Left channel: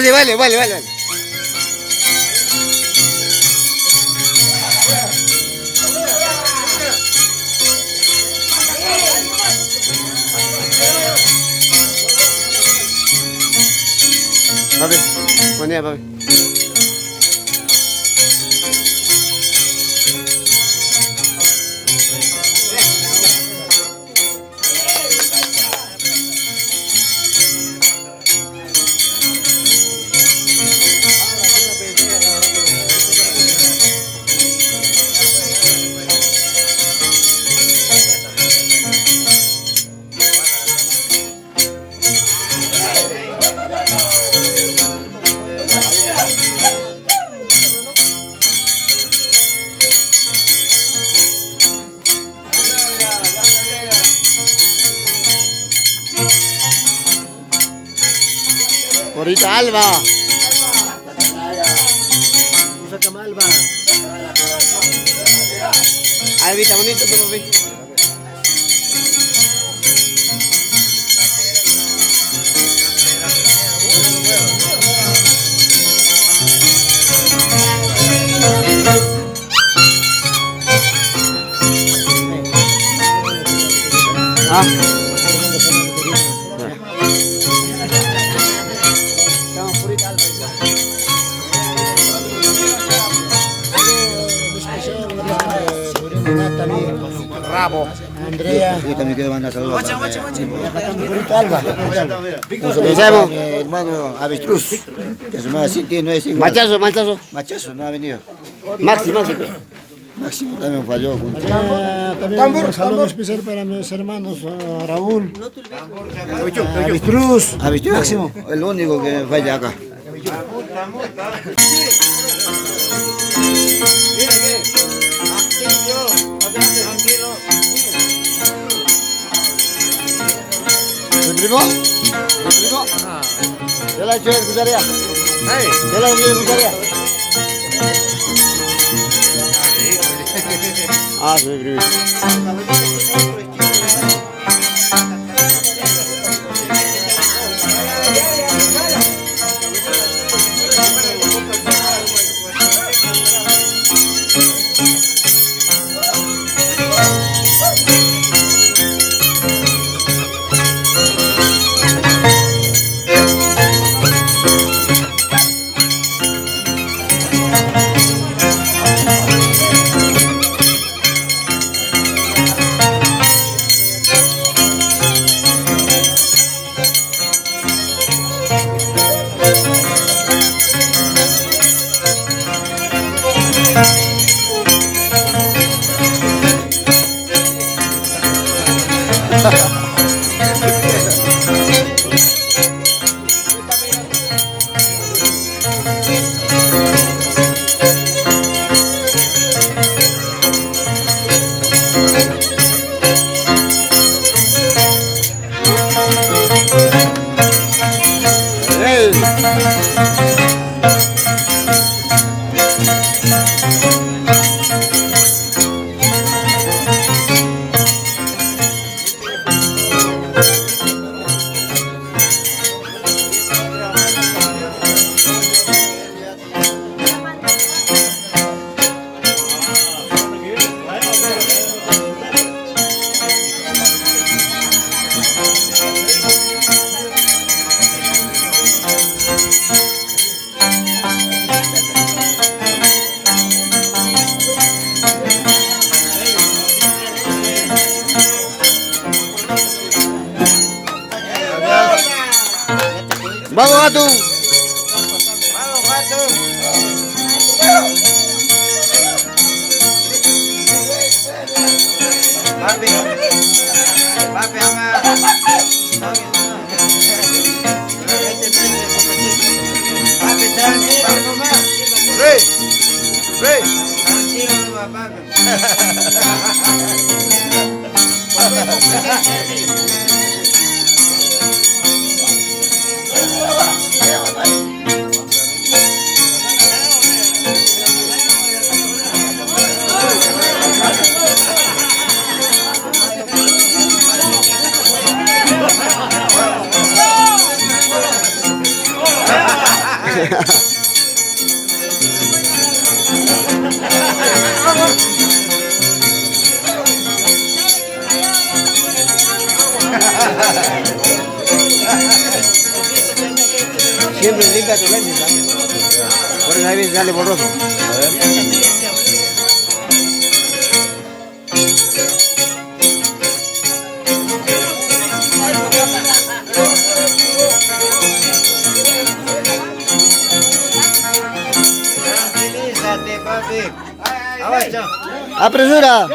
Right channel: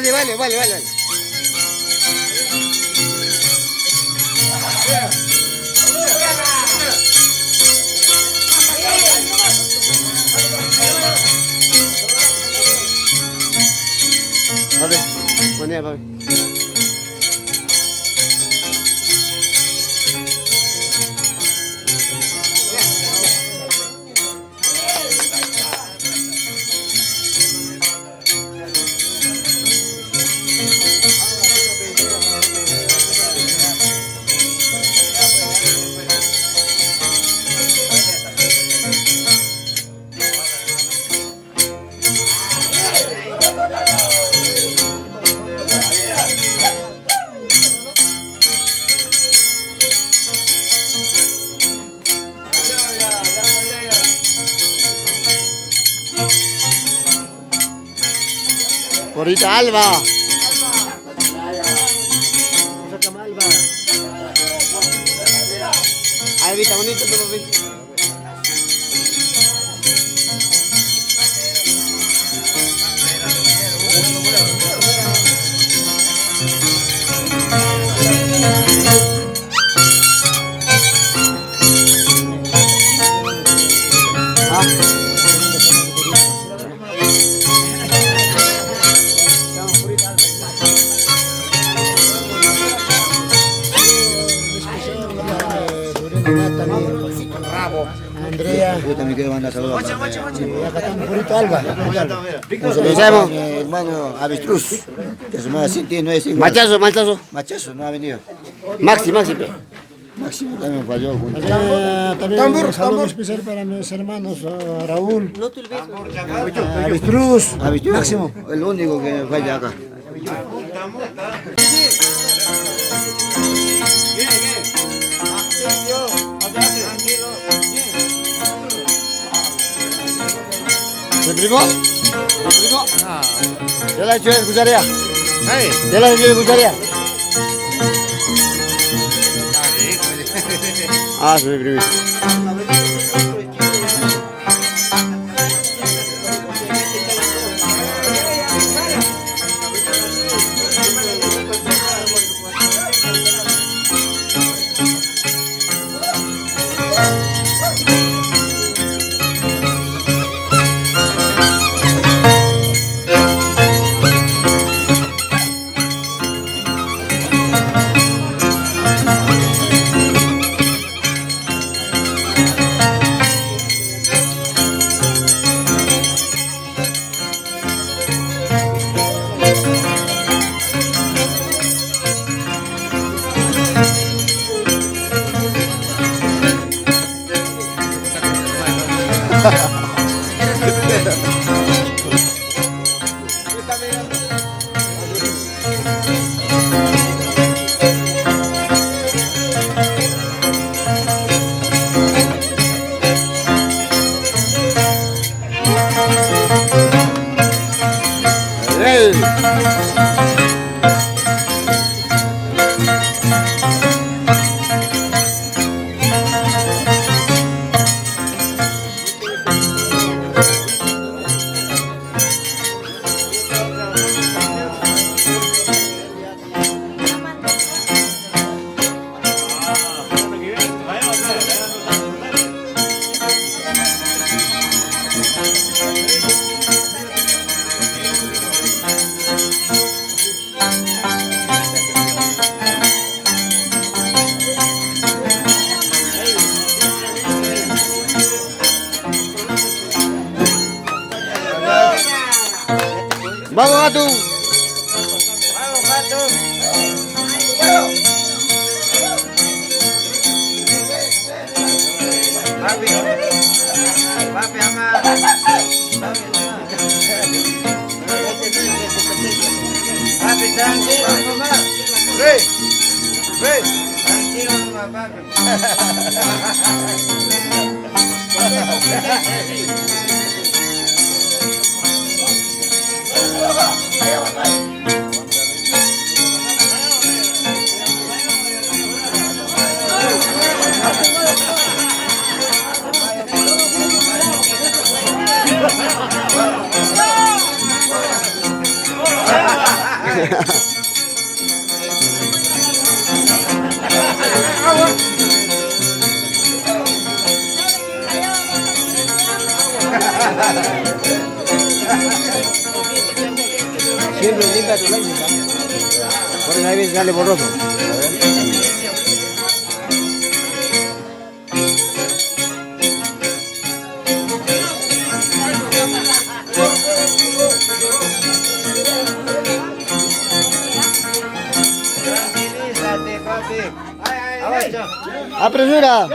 sí, vale, vale, vale, vale. Papi, buen día, papi. Porrita Alba. Albita, bonito tu papi. Rabo, Andrea. Yo también quiero mandar saludos. Y acá estamos Purito Alba. Un saludo a mi hermano Avestruz, que su madre sí tiene 9 Machazo, machazo. Machazo no ha venido. Maxi, Maxi. Máximo también falló. También un saludo especial para mis hermanos, Raúl, Avestruz, Máximo, el único que falla acá. ¿Mi primo? ¿Mi primo? ¿Ya la he hecho de cucharía? ¿Ya la he hecho de cucharía? Ah, sí, mi primo. Vamos, gato. Siempre limpia tu lente, ¿sabes? Por eso a veces sale borroso. Apresura.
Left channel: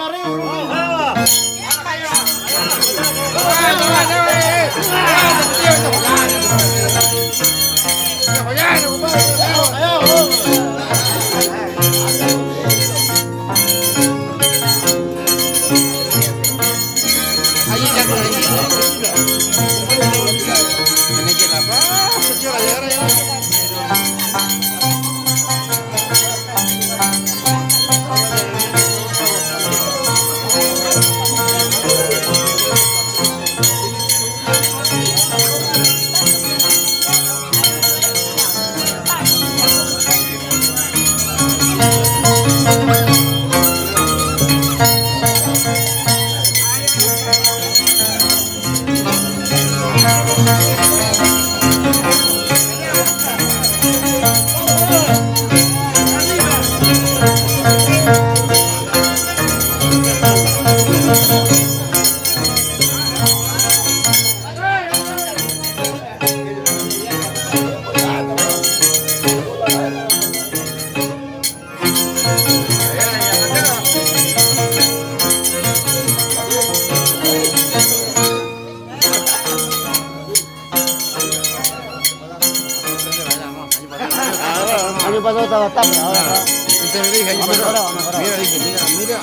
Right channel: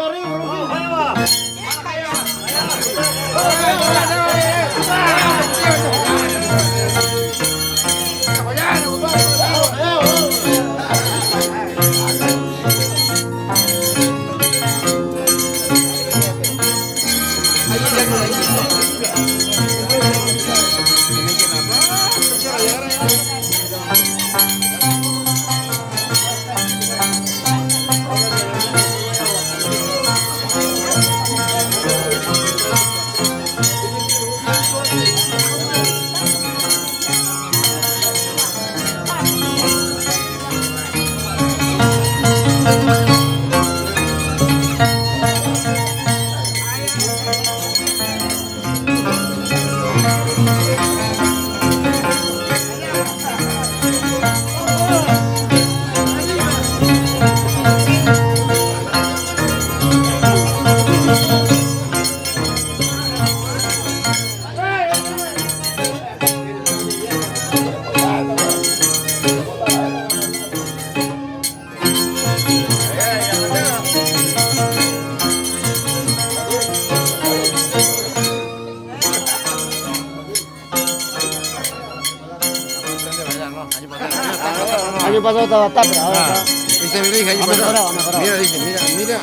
Año pasado estaba tapia, ahora está. Ha mejorado, ha mejorado. Mira, dice, mira.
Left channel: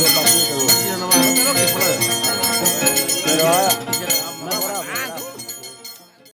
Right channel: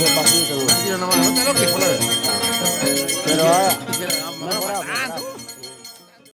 Despacito, ¿no? Pero ahora, mejorado, mejorado.